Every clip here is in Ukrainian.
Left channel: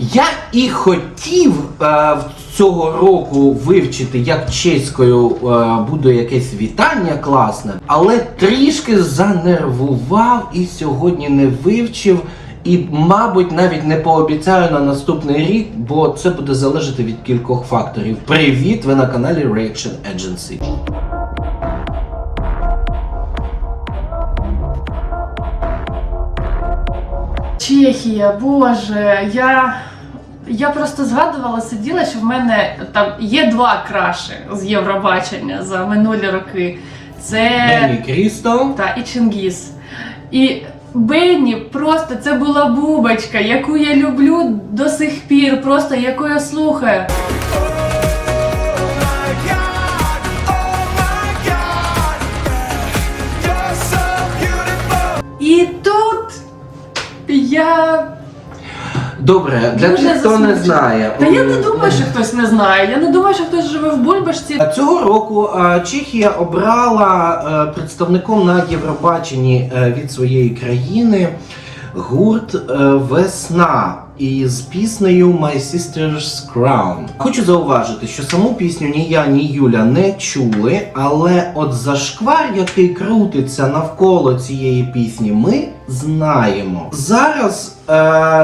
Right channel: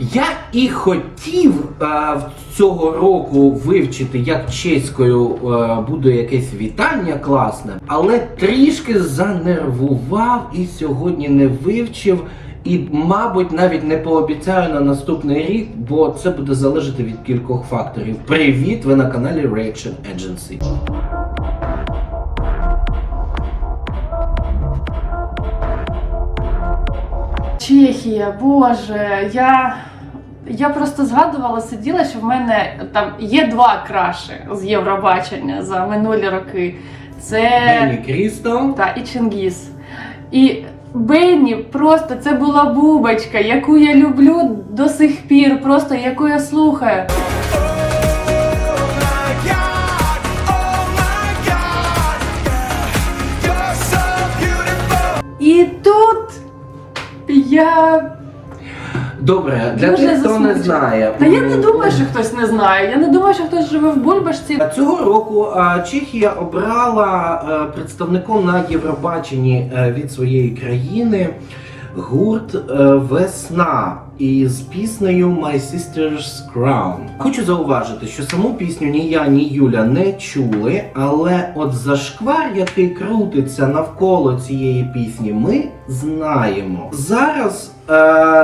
Я і хотів е, цього року вивчити, як чеською е, буде якесь вітання класне, але трішки занервував і сьогодні не вивчив. І, мабуть, навіть не пообіцяю на наступний рік, бо це буде залежати від кількох факторів. Привіт! Ви на каналі Reaction Agency. Чехія, Боже, я. Я просто згадувала, сиділа, що в мене там є два краші з Євробачення за минулі роки. Це Бенні Крісто. та і Чингіс. І Бенні просто це була бубочка, яку я люблю до сих пір, просто яку я слухаю. І тут я. Добре, для Дуже тих, хто не засмучена. знає. Та я не м, думаю, що хтось не знає. Я не думаю, що хтось живе в Бульбашці. Цього року е, Чехія обрала е, представником на Євробаченні е, від своєї країни гурт е, Весна із піснею My Sister's Crown. Хочу зауважити, що саму пісню ні я, ні Юля не чули, але от зашквар, який крутиться навколо цієї пісні, ми знаємо. Зараз е,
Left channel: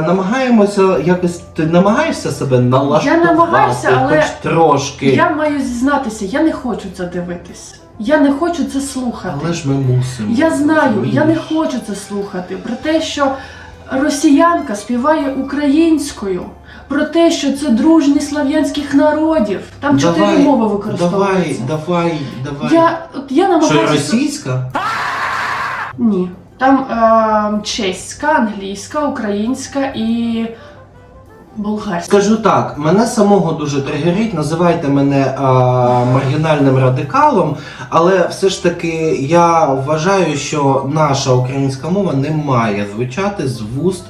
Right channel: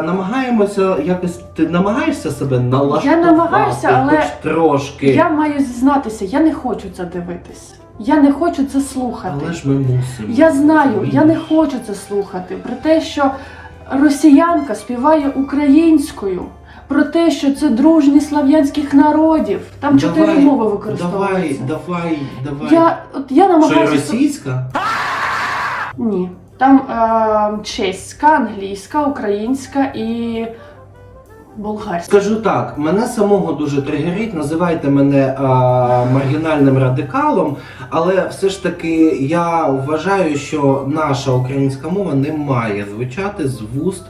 намагаємося якось. Ти намагаєшся себе налаштувати намагаюся, але хоч трошки. Я маю зізнатися, я не хочу це дивитись. Я не хочу це слухати. Але ж ми мусимо. Я знаю, я не хочу це слухати. Про те, що росіянка співає українською, про те, що це дружність слав'янських народів. Там чотири Давай, мови Давай, використовуються. давай, давай. Я, от я Що російська? Ні. Там е, чеська, англійська, українська і болгарська. Скажу так, мене самого дуже тригерить, називайте мене а, маргінальним радикалом, але все ж таки я вважаю, що наша українська мова не має звучати з вуст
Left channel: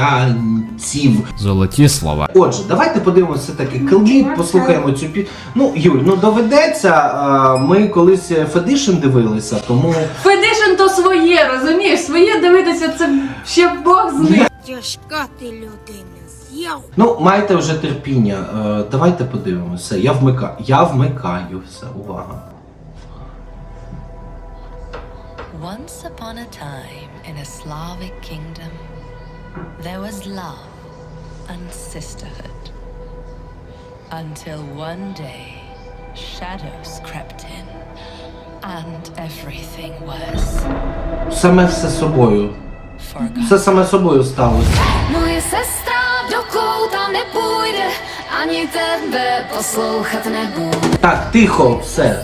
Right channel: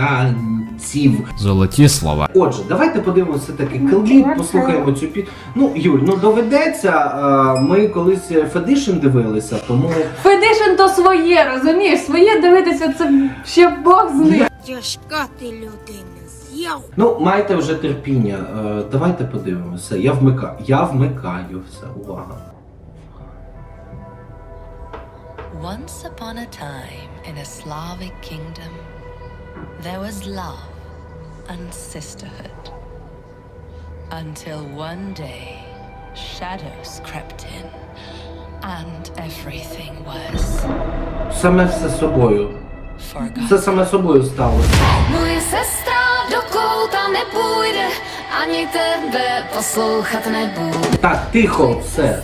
росіянців. Золоті слова. Отже, давайте подивимося таки кліп, послухаємо цю пі... Ну, Юль, ну доведеться. а, Ми колись Федишин дивилися, тому Федишин то своє, розумієш? Своє дивитися це ще Бог з ним. Тяжка ти людина, з'їв. ну майте вже терпіння. Е, Давайте подивимося. Я вмикаю. Я вмикаю все. Увага. Once upon a time in a Slavic kingdom, there was love and sisterhood. Until one day, shadows crept in, and everything was Саме все собою. forgotten. Все саме собою сталося. do kouta nepůjde, ani tebe poslouchat nebude. Tak, ticho, se.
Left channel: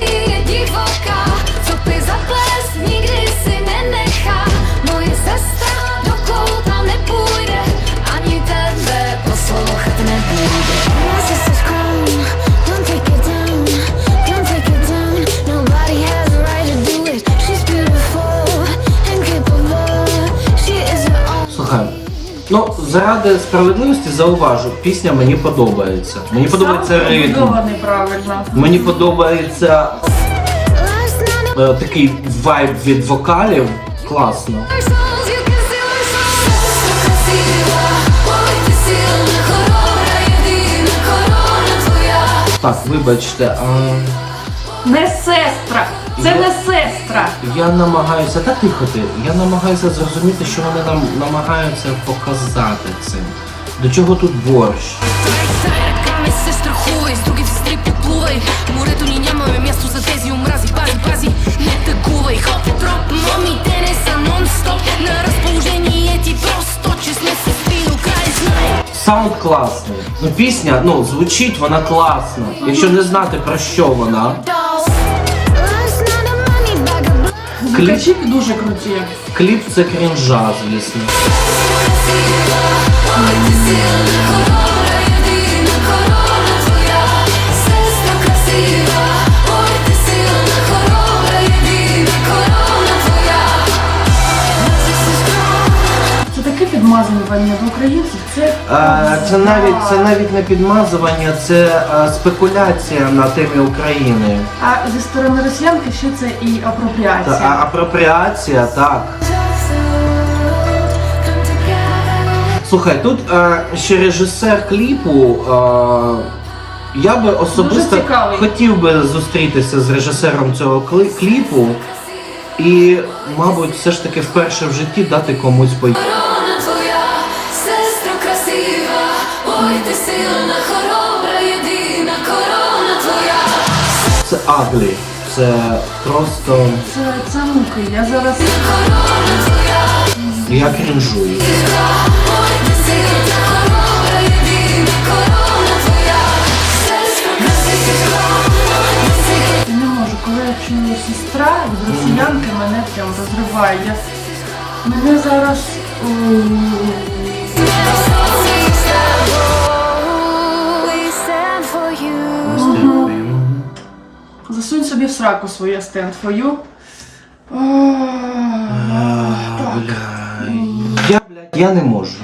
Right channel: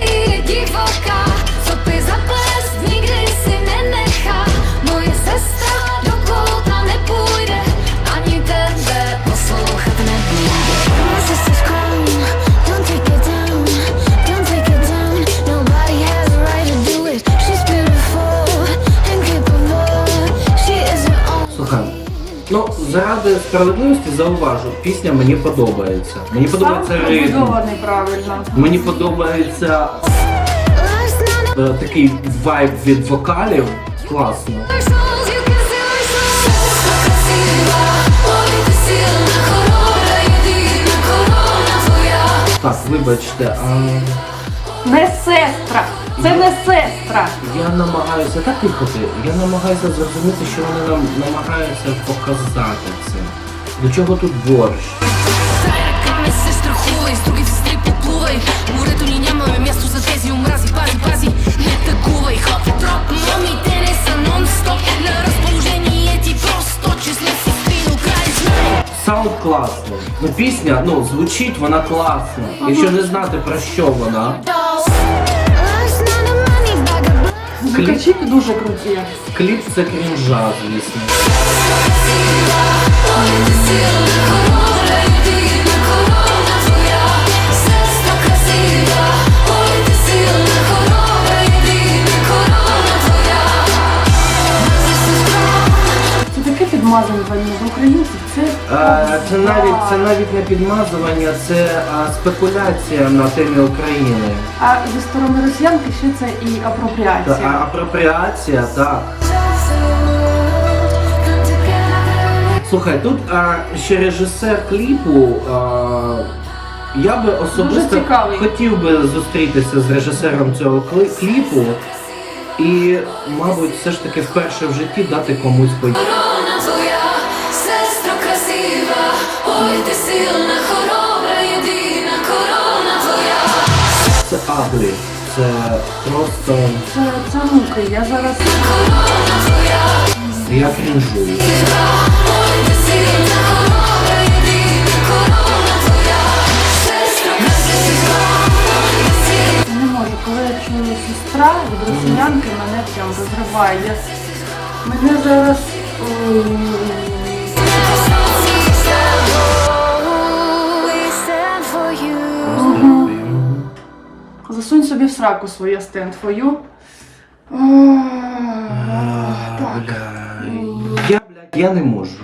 Je divoká, co ty za ples nikdy si nenechá. Moje sestra do kouta nepůjde, ani tebe poslouchat nebude. My Ну, заради справедливості зауважу, пісня мені подобається. Мені подобається ритм. Мені подобається е, такий вайб від вокалів. Класно. Так, вибачте, а Не сестра! Це не сестра! я намагаюся так тихо ти. Я намагаюся зрозуміти, що вони нам намагаються показати цим. До чого тут борщ? Ръками се страхувай, с други сестри поплувай Морето ни нямаме място за тези омрази Пази, пази, не тъгувай Хоп, троп, моми, те не са нон-стоп На разположение ти просто, че сме сестри до край знай Саунд класний. Ну пісня, ну звучить вона класно. Якщо не знати про що вона. Blood. Звукачі дуже круті. Кліп це крінжа, звісно. Ой, ти підмазування в українців. Це, Е, Це навіть це навіть не підмазування, це е, спекуляція на темі України. А зі сторони росіянки ще це і Та, а, апропріація, так. Слухай, тут а, ще режисер кліпу. А, я би особисто цікавий. хотів би зустрітися з режисером цього кли- кліпу і, мабуть, все ж таки вперше в житті дати комусь по ой ти сильна, хоробра, єдина корона твоя. Це аглі. Це просто Це, це муки. Я зараз Корона твоя, я крінжую. ой ти сильна, хоробра, єдина корона твоя, ой ти сильна. не можу. Коли я чую сестра від росіянки, мене прям розриває. Я... Мене зараз. ой, сраку своє стенд твою. Так. Я, блядь, я не можу.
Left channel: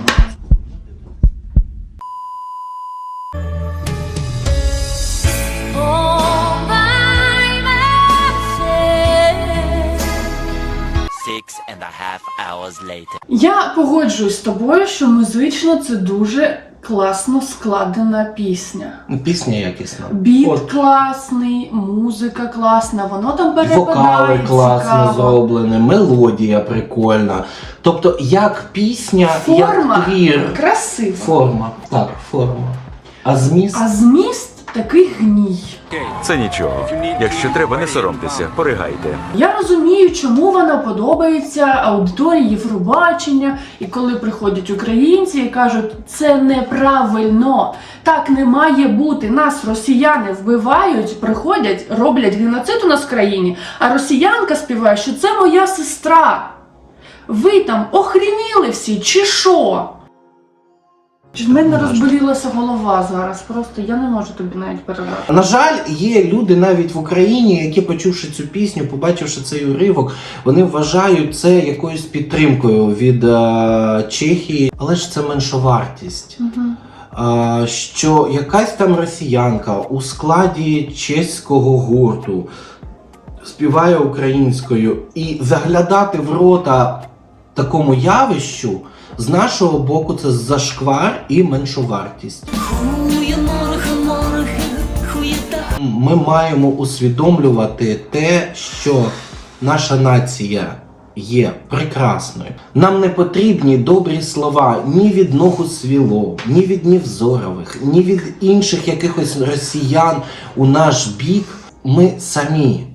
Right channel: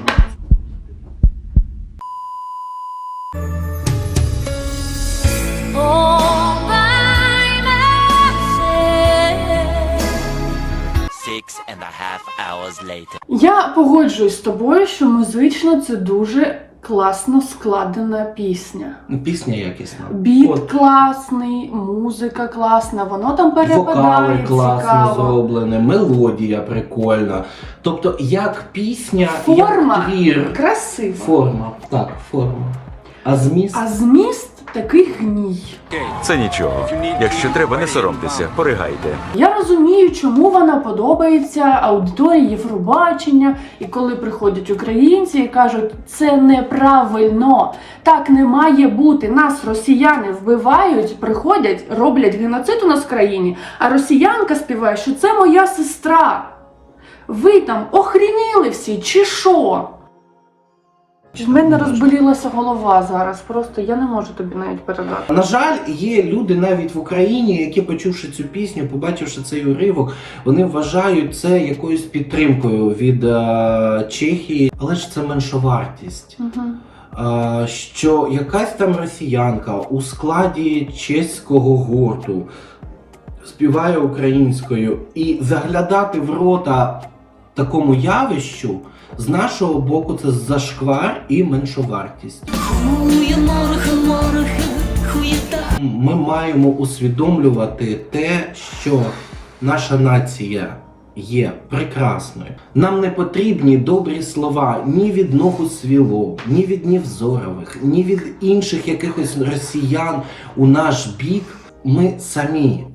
Six and a half hours later. Я погоджуюсь з тобою, що музично це дуже класно складена пісня. Пісня якісна. Біт От. класний, музика класна, воно там перепадає Вокали класно цікаво. зроблені, мелодія прикольна. Тобто, як пісня, Форма як твір. красива. Форма. Так, форма. А зміст? А зміст такий гній. Це нічого. Якщо треба, не соромтеся, поригайте. Я розумію, чому вона подобається аудиторії Євробачення, і коли приходять українці і кажуть, це неправильно, так не має бути. Нас росіяни вбивають, приходять, роблять геноцид у нас в країні, а росіянка співає, що це моя сестра. Ви там охрініли всі, чи що? В мене розболілася голова зараз. Просто я не можу тобі навіть передати. На жаль, є люди навіть в Україні, які, почувши цю пісню, побачивши цей уривок, вони вважають це якоюсь підтримкою від е, Чехії, але ж це меншовартість. Мгм. Е, що якась там росіянка у складі чеського гурту співає українською і заглядати в рота такому явищу з нашого боку це зашквар і меншовартість. Ми маємо усвідомлювати те, що наша нація є прекрасною. Нам не потрібні добрі слова ні від ногу свіло, ні від Нівзорових, ні від інших якихось росіян у наш бік. Ми самі.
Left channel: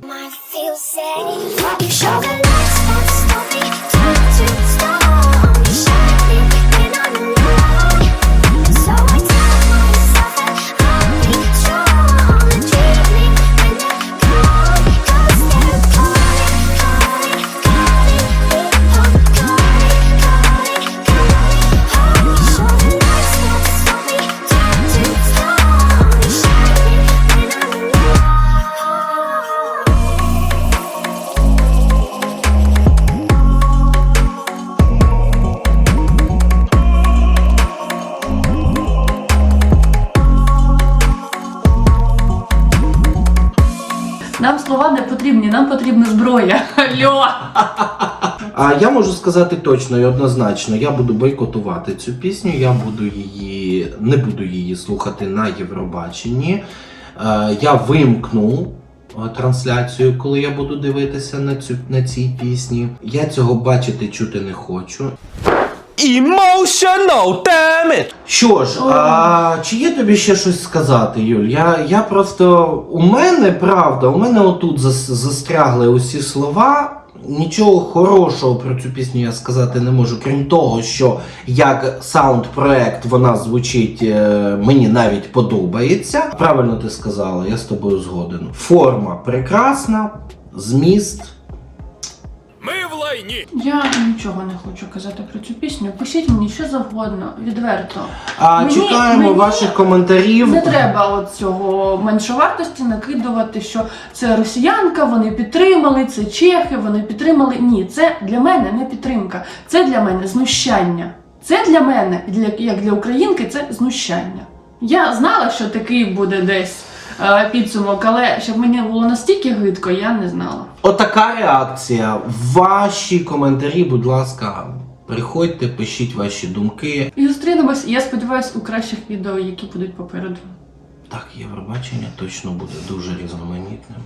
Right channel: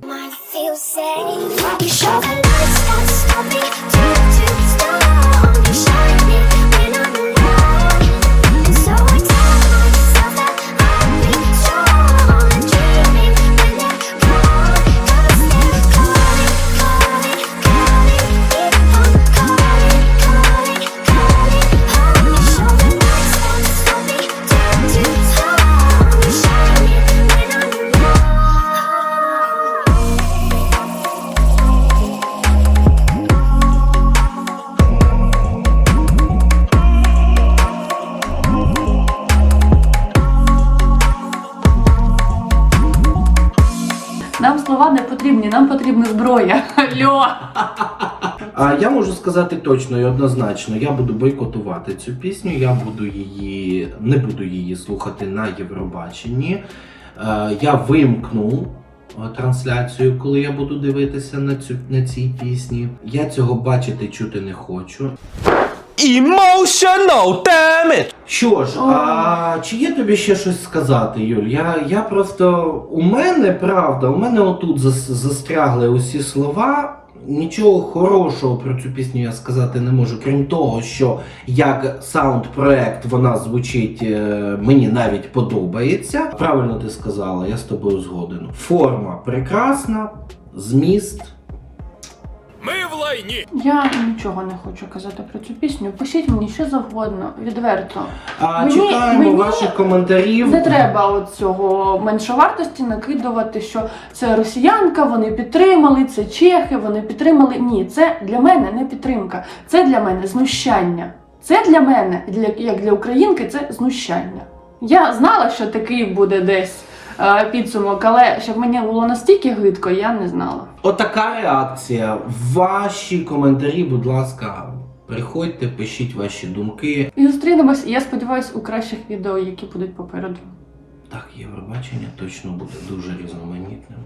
Нам слова не потрібні, нам потрібна зброя. Алло! А я можу сказати точно і однозначно, я буду бойкотувати цю пісню, я буду її, не буду її слухати на Євробаченні. Е, Я вимкну е, трансляцію, коли я буду дивитися на цю на цій пісні. Я цього бачити чути не хочу. Emotional, damn it! Що ж, а чи є тобі ще щось сказати, Юль? Я, я просто. У мене правда, у мене отут зас, застрягли усі слова. Нічого хорошого про цю пісню я сказати не можу, крім того, що як саунд-проект вона звучить, е, мені навіть подобається. Правильно ти сказала, я з тобою згоден. Форма прекрасна, зміст. Я нічого не хочу казати про цю пісню. Пишіть мені що завгодно, відверто. А Мені- чекаємо мені ваших коментарів. Не треба от цього меншовартості накидувати, що це росіянка, вони підтримали, це чехи, вони підтримали. Ні, це для мене не підтримка, це для мене знущання. Це для мене, для, як для українки, це знущання. Я знала, що такий буде десь підсумок, але щоб мені було настільки гидко, я не знала. Отака реакція. Ваші коментарі, будь ласка, Приходьте, пишіть ваші думки. І зустрінемось, я сподіваюся, у кращих відео, які будуть попереду. Так, Євробачення точно буде дуже різноманітним.